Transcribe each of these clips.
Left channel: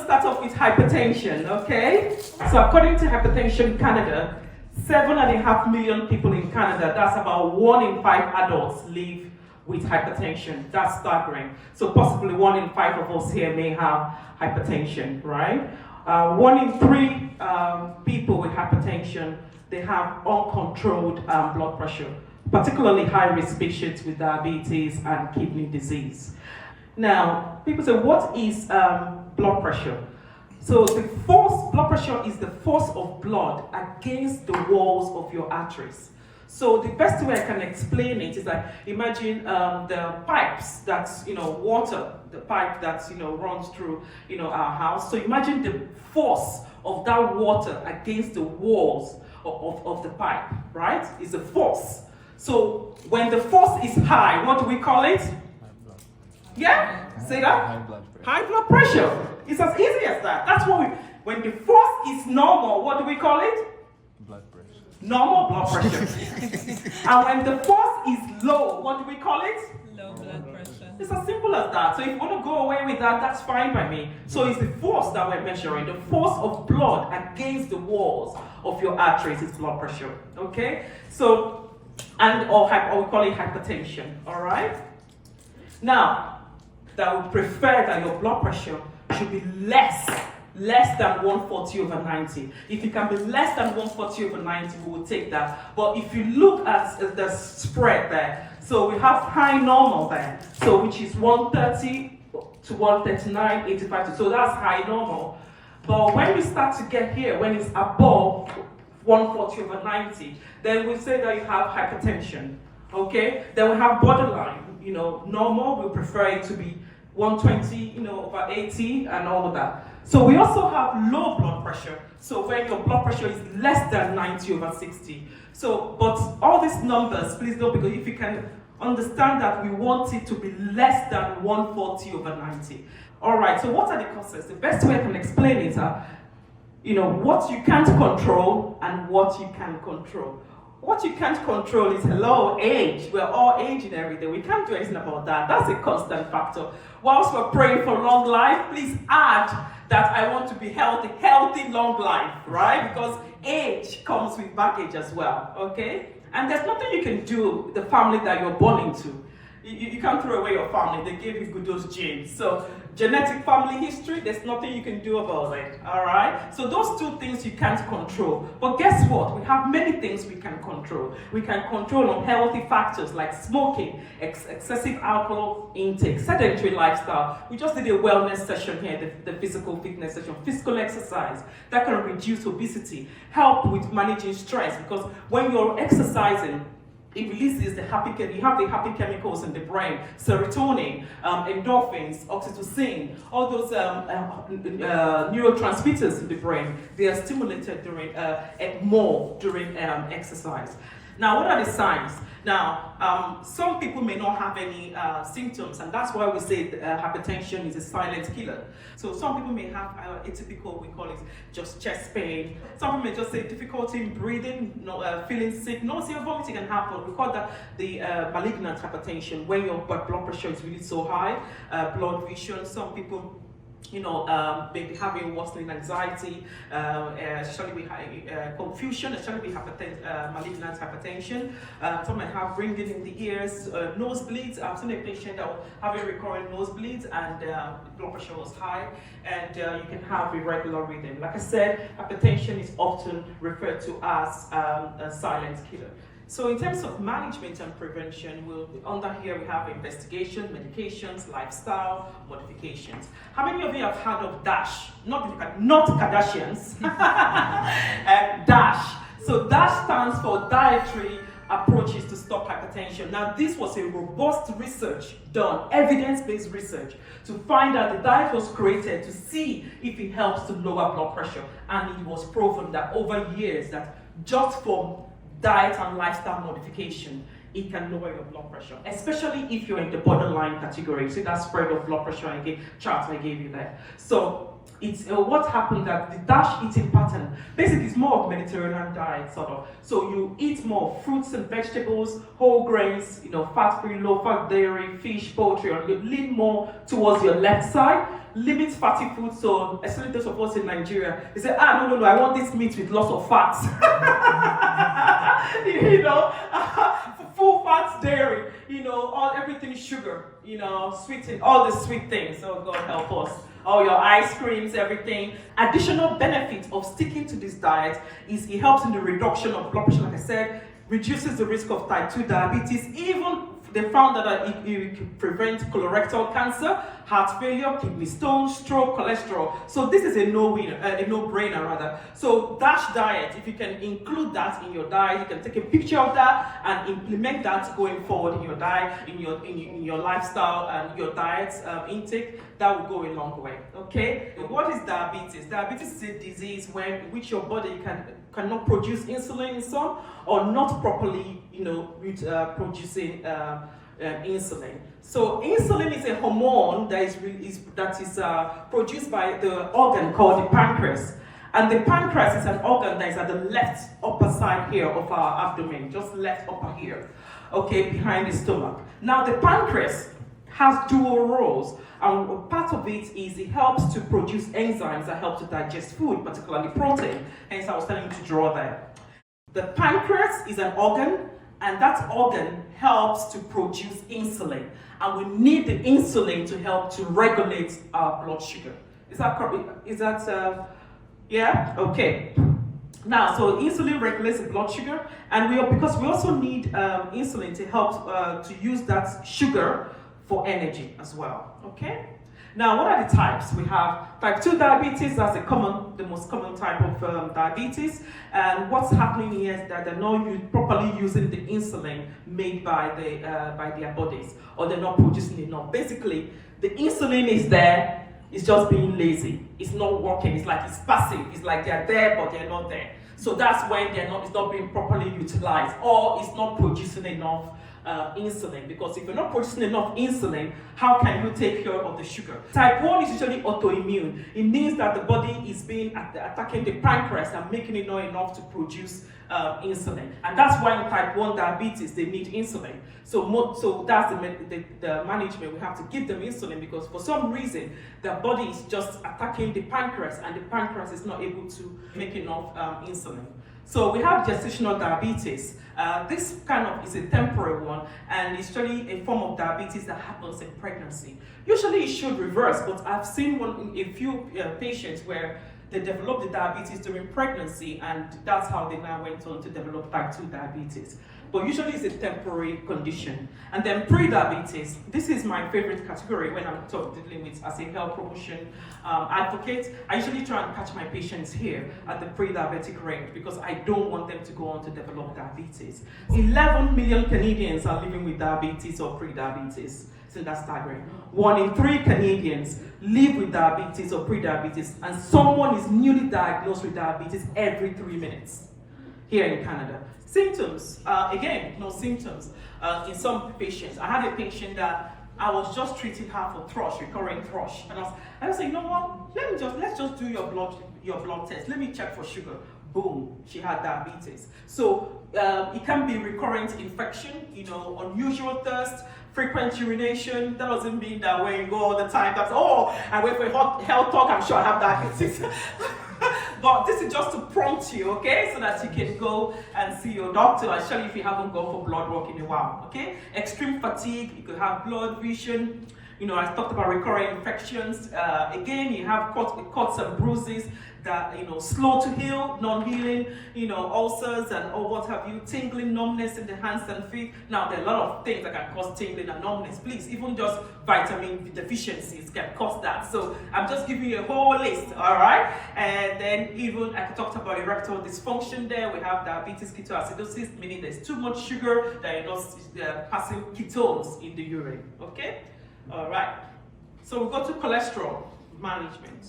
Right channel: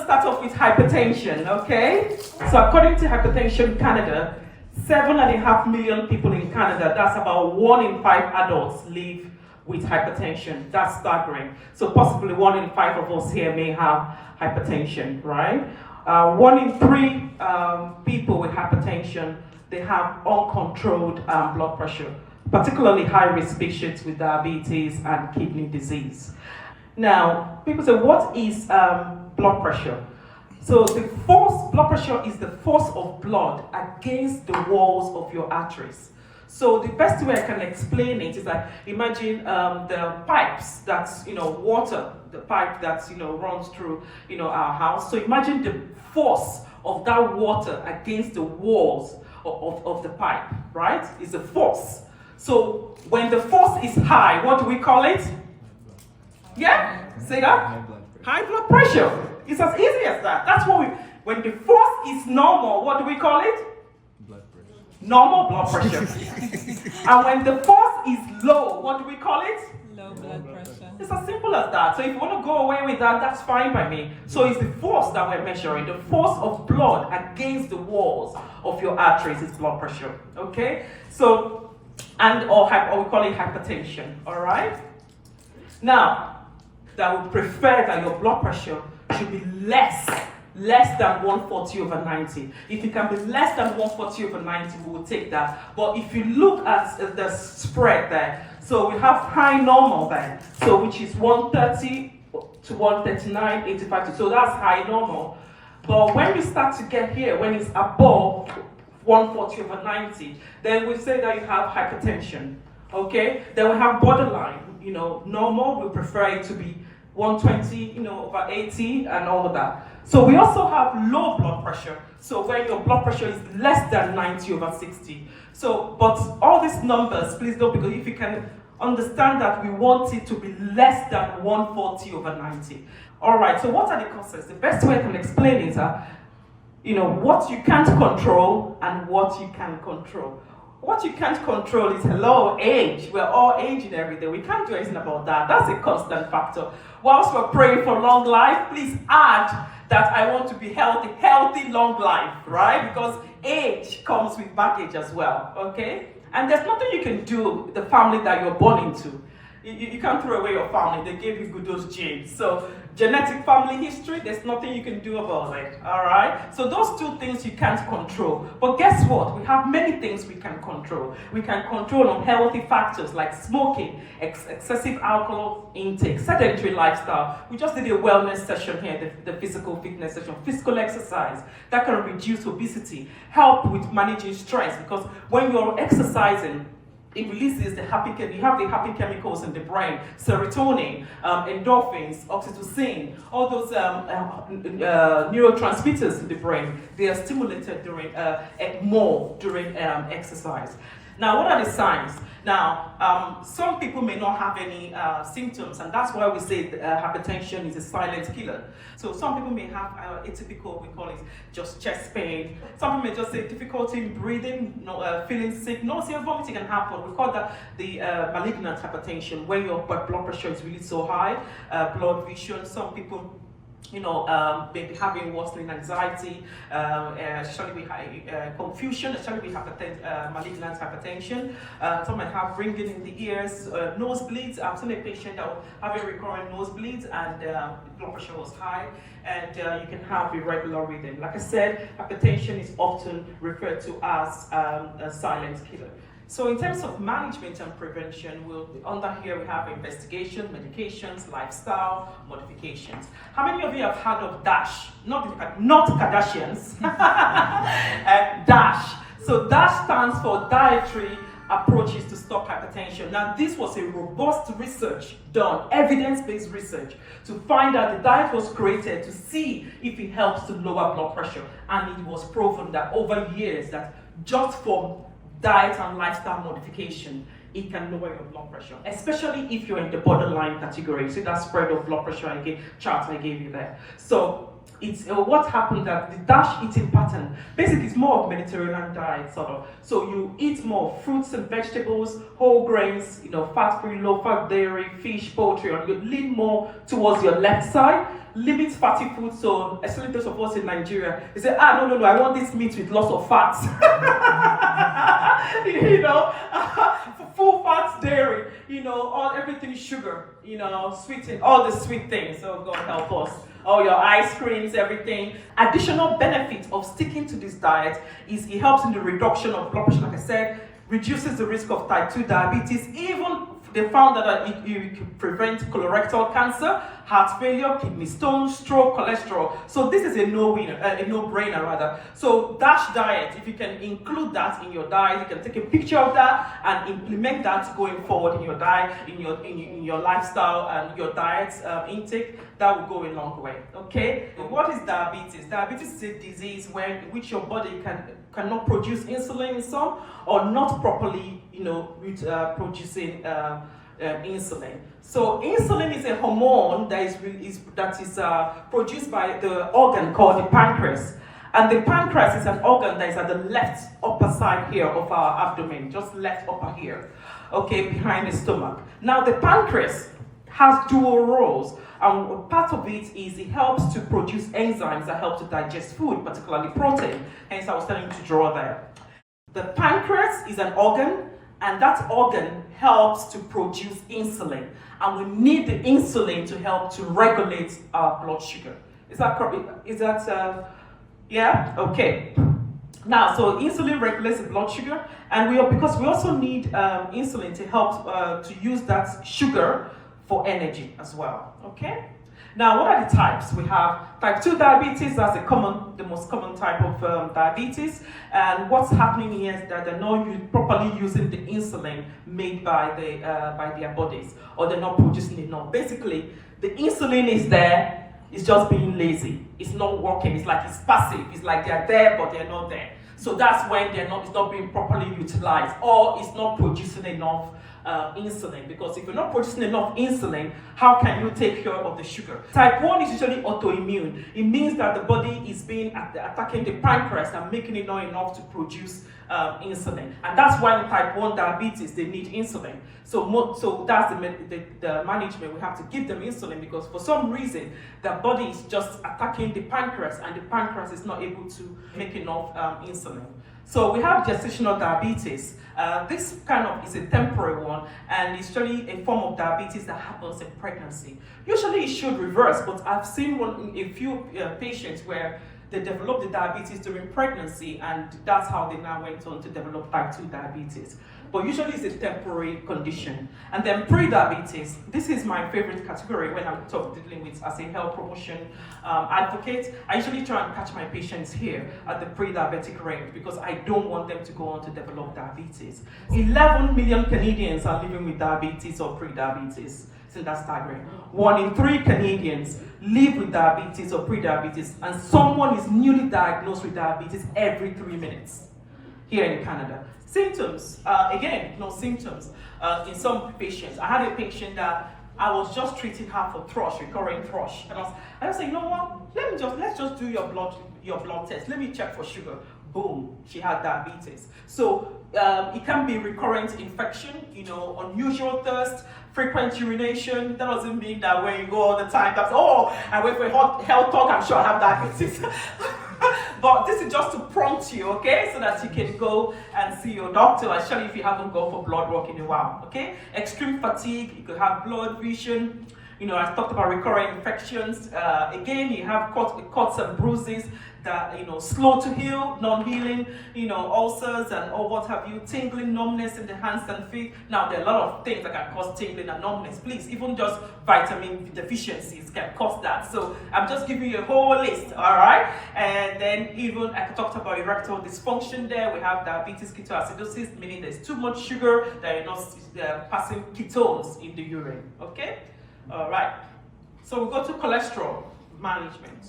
to start off with hypertension, okay? So according to Hypertension Canada, 7.5 million people in Canada, that's about 1 in 5 adults live with hypertension. That's staggering. So possibly 1 in 5 of us here may have hypertension, right? 1 in 3 people with hypertension, they have uncontrolled blood pressure, particularly high-risk patients with diabetes and kidney disease. Now, people say, what is blood pressure? So the force, blood pressure is the force of blood against the walls of your arteries. So the best way I can explain it is like, imagine the pipes that's, water, the pipe that's, runs through, our house. So imagine the force of that water against the walls of the pipe, right? Is the force. So when the force is high, what do we call it? Yeah? Say that? High blood pressure. High blood pressure. It's as easy as that. That's what when the force is normal, what do we call it? Blood pressure. Normal blood pressure. And when the force is low, what do we call it? Low blood pressure. It's as simple as that. So if you want to go away with that, that's fine by me. So it's the force that we're measuring. The force of blood against the walls of your arteries is blood pressure. Okay? So, or we call it hypertension. All right? Now, that would prefer that your blood pressure should be less than 140/90. If it can be less than 140/90, we will take that. But if you look at the spread there, so we have high normal there, so which is 130 to 139, 85. So that's high normal. But when we start to get here, when it's above 140/90, then we say that you have hypertension. Okay? Then we have borderline. Normal, we prefer it to be 120, over 80 and all of that. So we also have low blood pressure. So when your blood pressure is less than 90/60. So, but all these numbers, please don't, because if you can understand that we want it to be less than 140/90. All right, so what are the causes? The best way I can explain it are, what you can't control and what you can control. What you can't control is, age. We're all aging every day. We can't do anything about that. That's a constant factor. Whilst we're praying for long life, please add that I want to be healthy long life, right? Because age comes with baggage as well, okay? And there's nothing you can do with the family that you're born into. You can't throw away your family. They gave you those genes. So genetic family history, there's nothing you can do about it, all right? So those two things you can't control. But guess what? We have many things we can control. We can control unhealthy factors like smoking, excessive alcohol intake, sedentary lifestyle. We just did a wellness session here, the physical fitness session, physical exercise. That can reduce obesity, help with managing stress, because when you're exercising, it releases you have the happy chemicals in the brain, serotonin, endorphins, oxytocin, all those neurotransmitters in the brain. They are stimulated more during exercise. Now, what are the signs? Now, some people may not have any symptoms, and that's why we say hypertension is a silent killer. So some people may have atypical, we call it just chest pain. Some people may just say difficulty in breathing, feeling sick, nausea, vomiting can happen. We call that the malignant hypertension, when your blood pressure is really so high, blood vision. Some people maybe having worsening anxiety, especially with confusion, especially with malignant hypertension. Some might have ringing in the ears, nosebleeds. I've seen a patient that will have a recurrent nosebleeds and blood pressure was high, and you can have irregular rhythm. Like I said, hypertension is often referred to as a silent killer. So in terms of management and prevention, under here we have investigation, medications, lifestyle, modifications. How many of you have heard of DASH? Not Kardashians. DASH. So DASH stands for Dietary Approaches to Stop Hypertension. Now this was a robust research done, evidence-based research, to find out the diet was created to see if it helps to lower blood pressure. And it was proven that over years that just from diet and lifestyle modification, it can lower your blood pressure, especially if you're in the borderline category. See that spread of blood pressure chart I gave you there. So it's what happened that the DASH eating pattern, basically it's more of Mediterranean diet sort of. So you eat more fruits and vegetables, whole grains, fat-free, low-fat dairy, fish, poultry, and you lean more towards your left side. Limit fatty food, so especially those of us in Nigeria, they say, no, I want this meat with lots of fats. Full fats, dairy, everything sugar, sweetened, all the sweet things. Oh God help us. All your ice creams, everything. Additional benefit of sticking to this diet is it helps in the reduction of blood pressure, like I said, reduces the risk of type 2 diabetes. Even they found that it can prevent colorectal cancer, heart failure, kidney stones, stroke, cholesterol. So this is a no-brainer rather. So DASH diet, if you can include that in your diet, you can take a picture of that and implement that going forward in your diet, in your lifestyle and your diet intake. That will go a long way. Okay. What is diabetes? Diabetes is a disease in which your body cannot produce insulin in some, or not properly, producing insulin. So insulin is a hormone that is produced by the organ called the pancreas. And the pancreas is an organ that is at the left upper side here of our abdomen, just left upper here, okay, behind the stomach. Now the pancreas has dual roles, and part of it is it helps to produce enzymes that help to digest food, particularly protein. Hence I was telling you to draw there. The pancreas is an organ, and that organ helps to produce insulin, and we need the insulin to help to regulate our blood sugar. Is that correct? Yeah? Okay. Now, so insulin regulates the blood sugar, and because we also need insulin to help to use that sugar for energy as well. Okay. Now, what are the types? We have type 2 diabetes. That's the most common type of diabetes. And what's happening here is that they're not properly using the insulin made by their bodies, or they're not producing enough. Basically, the insulin is there. It's just being lazy. It's not working. It's like it's passive. It's like they're there, but they're not there. So that's when it's not being properly utilized, or it's not producing enough insulin. Because if you're not producing enough insulin, how can you take care of the sugar? Type 1 is usually autoimmune. It means that the body is attacking the pancreas and making it not enough to produce insulin. And that's why in type 1 diabetes, they need insulin. So that's the management. We have to give them insulin, because for some reason, the body is just attacking the pancreas, and the pancreas is not able to make enough insulin. So we have gestational diabetes. This kind of is a temporary one, and it's really a form of diabetes that happens in pregnancy. Usually it should reverse, but I've seen a few patients where they developed the diabetes during pregnancy, and that's how they now went on to develop type 2 diabetes. But usually it's a temporary condition. And then pre-diabetes, this is my favorite category when I'm dealing with as a health promotion advocate. I usually try and catch my patients here at the pre-diabetic range, because I don't want them to go on to develop diabetes. 11 million Canadians are living with diabetes or pre-diabetes. So that's staggering. 1 in 3 Canadians live with diabetes or pre-diabetes, and someone is newly diagnosed with diabetes every 3 minutes here in Canada. Symptoms, again, no symptoms in some patients. I had a patient that I was just treating her for thrush, recurring thrush, and I was saying, you know what? Let's just do your blood test. Let me check for sugar. Boom, she had diabetes. So it can be recurrent infection, unusual thirst, frequent urination. That doesn't mean that when you go all the time, I went for a health talk, I'm sure I have diabetes. But this is just to prompt you, okay? So that you can go and see your doctor, especially if you haven't gone for blood work in a while, okay? Extreme fatigue, you could have blurred vision. I talked about recurrent infections. Again, you have cuts and bruises that, slow to heal, non-healing, ulcers and what have you, tingling, numbness in the hands and feet. Now, there are a lot of things that can cause tingling and numbness. Please, even just vitamin deficiencies can cause that. So I'm just giving you a whole list, all right? And then even, I talked about erectile dysfunction there. We have diabetes ketoacidosis, meaning there's too much sugar that you're not passing ketones in the urine, okay? All right, so we go to cholesterol management.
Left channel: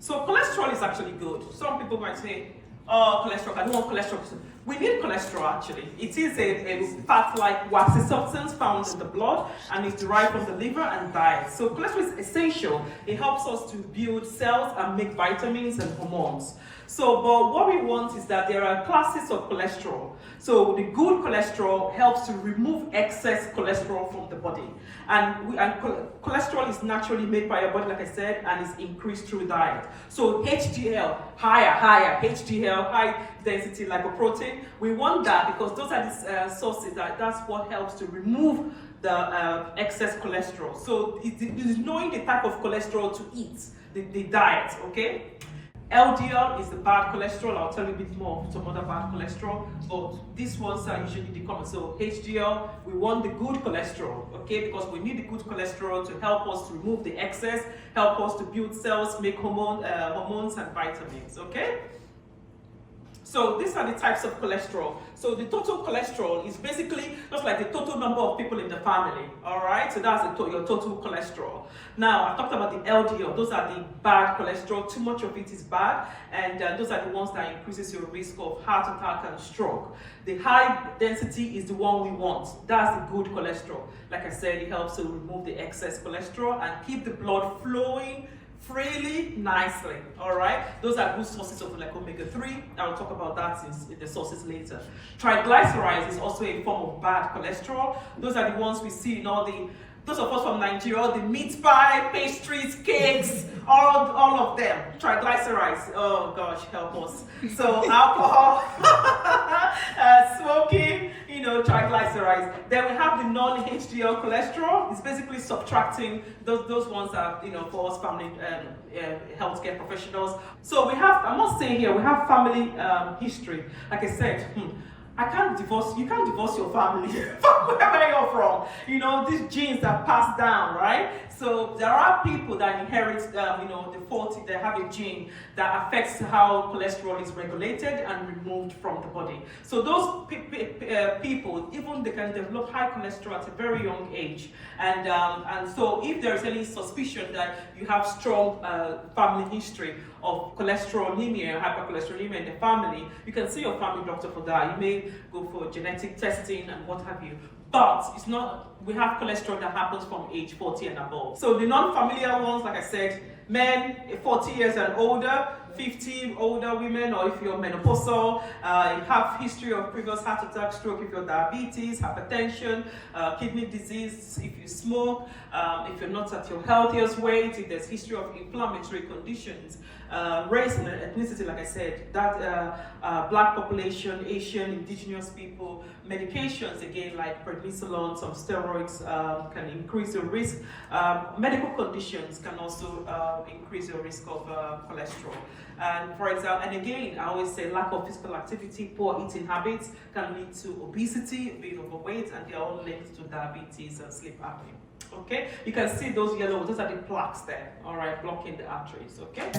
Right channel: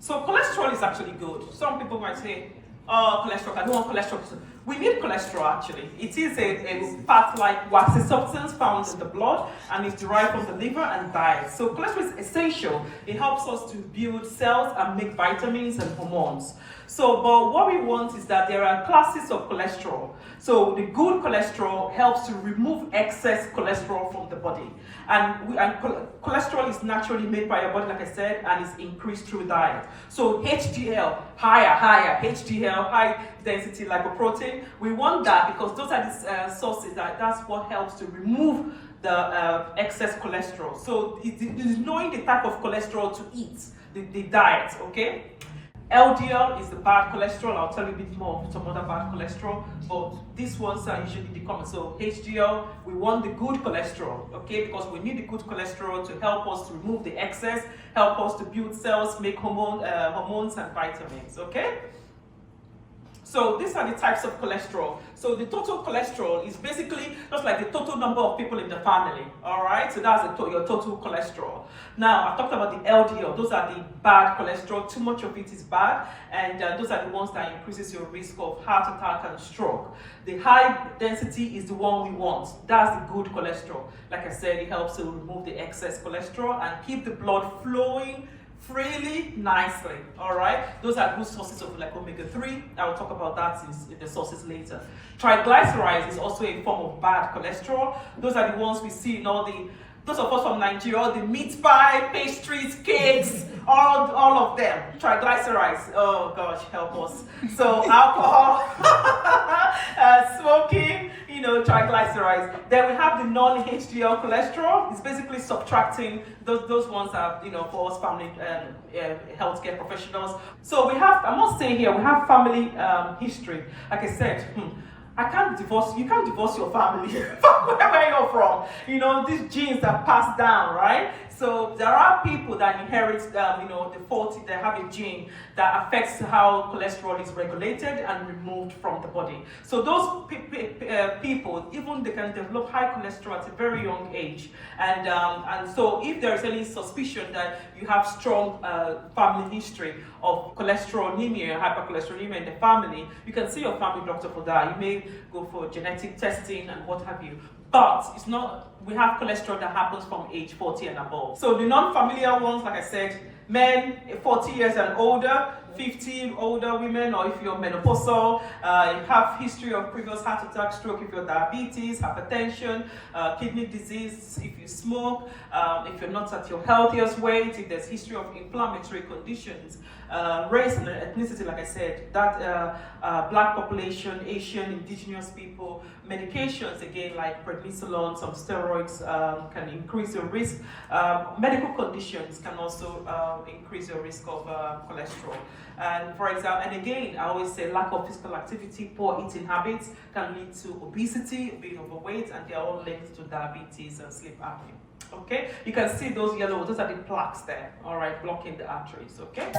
So cholesterol is actually good. Some people might say, oh, cholesterol, I don't want cholesterol. We need cholesterol actually. It is a fat-like waxy substance found in the blood and is derived from the liver and diet. So cholesterol is essential. It helps us to build cells and make vitamins and hormones. So, but what we want is that there are classes of cholesterol. So the good cholesterol helps to remove excess cholesterol from the body. And cholesterol is naturally made by your body, like I said, and is increased through diet. So HDL, higher, HDL, high density lipoprotein, we want that because those are the sources that's what helps to remove the excess cholesterol. So it is knowing the type of cholesterol to eat, the diet, okay? LDL is the bad cholesterol. I'll tell you a bit more of some other bad cholesterol, but these ones are usually the common. So HDL, we want the good cholesterol, okay? Because we need the good cholesterol to help us to remove the excess, help us to build cells, make hormones and vitamins, okay? So these are the types of cholesterol. So the total cholesterol is basically just like the total number of people in the family, all right? So that's your total cholesterol. Now, I talked about the LDL. Those are the bad cholesterol. Too much of it is bad, and those are the ones that increases your risk of heart attack and stroke. The high density is the one we want. That's the good cholesterol. Like I said, it helps to remove the excess cholesterol and keep the blood flowing freely, nicely, all right? Those are good sources of like omega-3. I will talk about that in the sources later. Triglycerides is also a form of bad cholesterol. Those are the ones we see in those of us from Nigeria, all the meat pie, pastries, cakes, all of them. Triglycerides, oh gosh, help us. So alcohol, smoking, triglycerides. Then we have the non-HDL cholesterol. It's basically subtracting those ones that, for us family healthcare professionals. So we have, I'm not saying here, we have family history. Like I said, you can't divorce your family from wherever you're from. These genes are passed down, right? So there are people that inherit, they have a gene that affects how cholesterol is regulated and removed from the body. So those people, even they can develop high cholesterol at a very young age. And so if there is any suspicion that you have strong family history of cholesterolemia, hypercholesterolemia in the family, you can see your family doctor for that. You may go for genetic testing and what have you. But it's not, we have cholesterol that happens from age 40 and above. So the non-familiar ones, like I said, men 40 years and older, 50 older women, or if you're menopausal, you have history of previous heart attack, stroke, if you're diabetes, hypertension, kidney disease, if you smoke, if you're not at your healthiest weight, if there's history of inflammatory conditions, race and ethnicity, like I said, that black population, Asian, indigenous people, medications, again, like prednisolone, some steroids can increase your risk. Medical conditions can also increase your risk of cholesterol. And for example, and again, I always say lack of physical activity, poor eating habits can lead to obesity, being overweight, and they are all linked to diabetes and sleep apnea. Okay, you can see those yellow, those are the plaques there, all right, blocking the arteries, okay?